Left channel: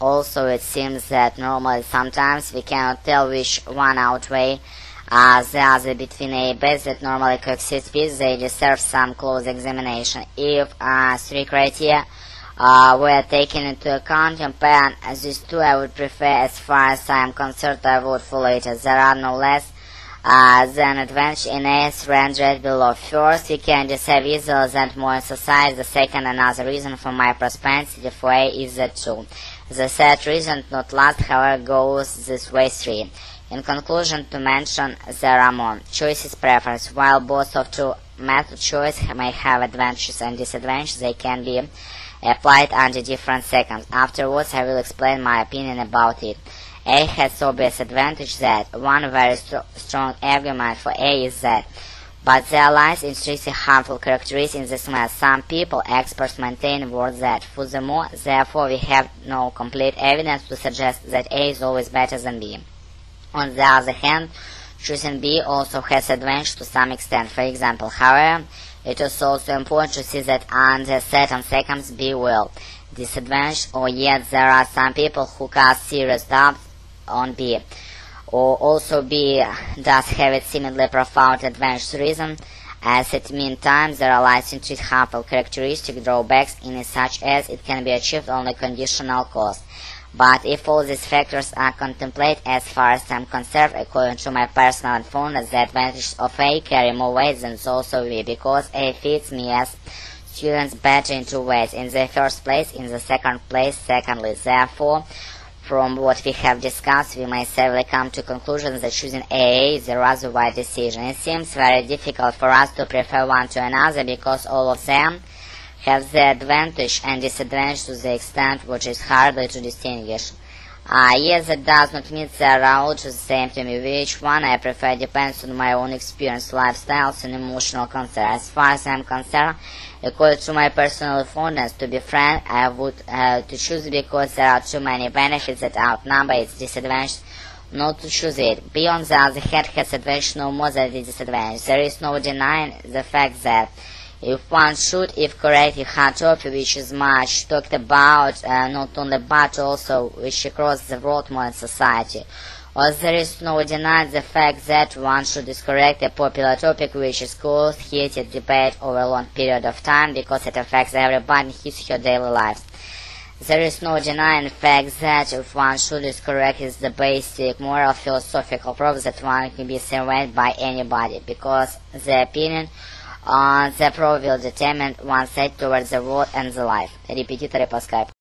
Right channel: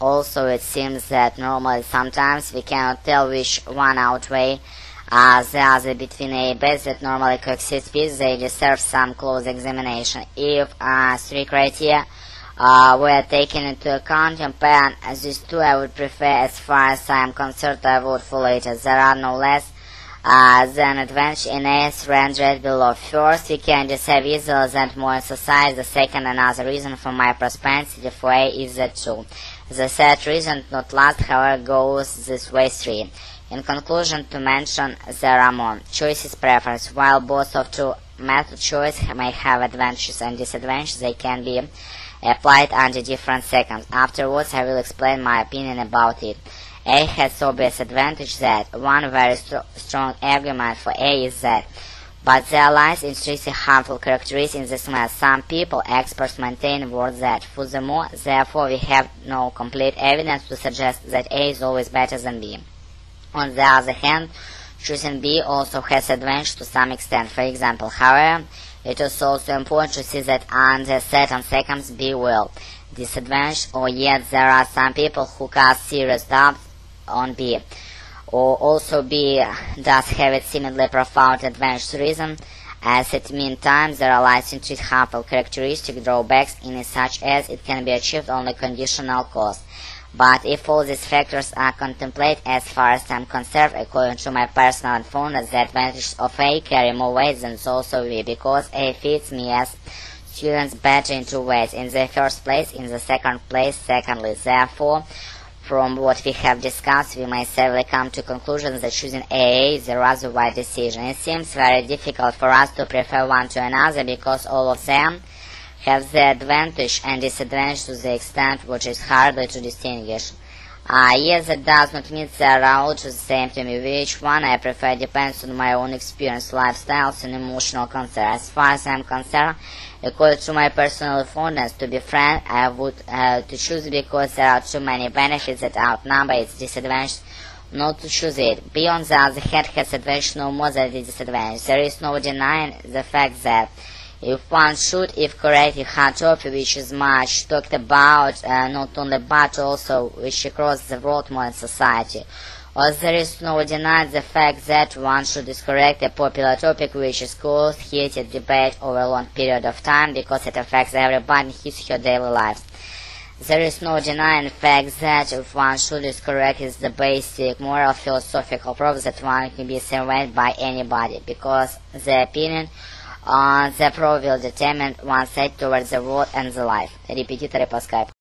Also, it seems that normally sometimes we cannot tell which one outweigh the other between A and B that normally characteristics they deserve some close examination. If three criteria were taken into account, compare these two, I would prefer, as far as I am concerned, I would follow it. There are no less than advantage in A's rendered below. First, we can decide either that more in society. The second, another reason for my prosperity for A is the 2. The third reason, not last, however, goes this way 3. In conclusion, to mention, there are more. Choice is preference. While both of two method choice may have advantages and disadvantages, they can be applied under different seconds. Afterwards, I will explain my opinion about it. A has obvious advantage that one very strong argument for A is that, but there lies intrinsic harmful characteristics in this math. Some people, experts, maintain was that. Furthermore, therefore, we have no complete evidence to suggest that A is always better than B. On the other hand, choosing B also has advantage to some extent. For example, however, it is also important to see that under certain circumstances B will disadvantage, or yet there are some people who cast serious doubts on B. Or also B does have a similarly profound advantage reason, as at meantime there are licensed harmful characteristic drawbacks in such as it can be achieved only conditional cost. But if all these factors are contemplated, as far as I am concerned, according to my personal informed, the advantages of A carry more weight than those of B, because A fits me as student better in two ways. In the first place, in the second place, secondly. Therefore, from what we have discussed, we may safely come to conclusions that choosing A is a rather wise decision. It seems very difficult for us to prefer one to another because all of them have the advantage and disadvantage to the extent which is harder to distinguish. Yes, that does not mean they are all the same to me. Which one I prefer depends on my own experience, lifestyles, and emotional concern. As far as I am concerned, according to my personal fondness, to be frank, I would to choose because there are too many benefits that outnumber its disadvantages not to choose it. B, on the other hand, has advantage no more than the disadvantage. There is no denying the fact that if one should, if correct, if hypertrophy, which is much talked about, not only but also which across the world modern society, or there is no denying the fact that one should is correct a popular topic which is caused heated debate over a long period of time because it affects everybody in his or her daily life. There is no denying the fact that if one should is correct is the basic moral philosophical proof that one can be surveyed by anybody, because the opinion the proof will determine one's side towards the world and the life. Репетиторы по скайпу.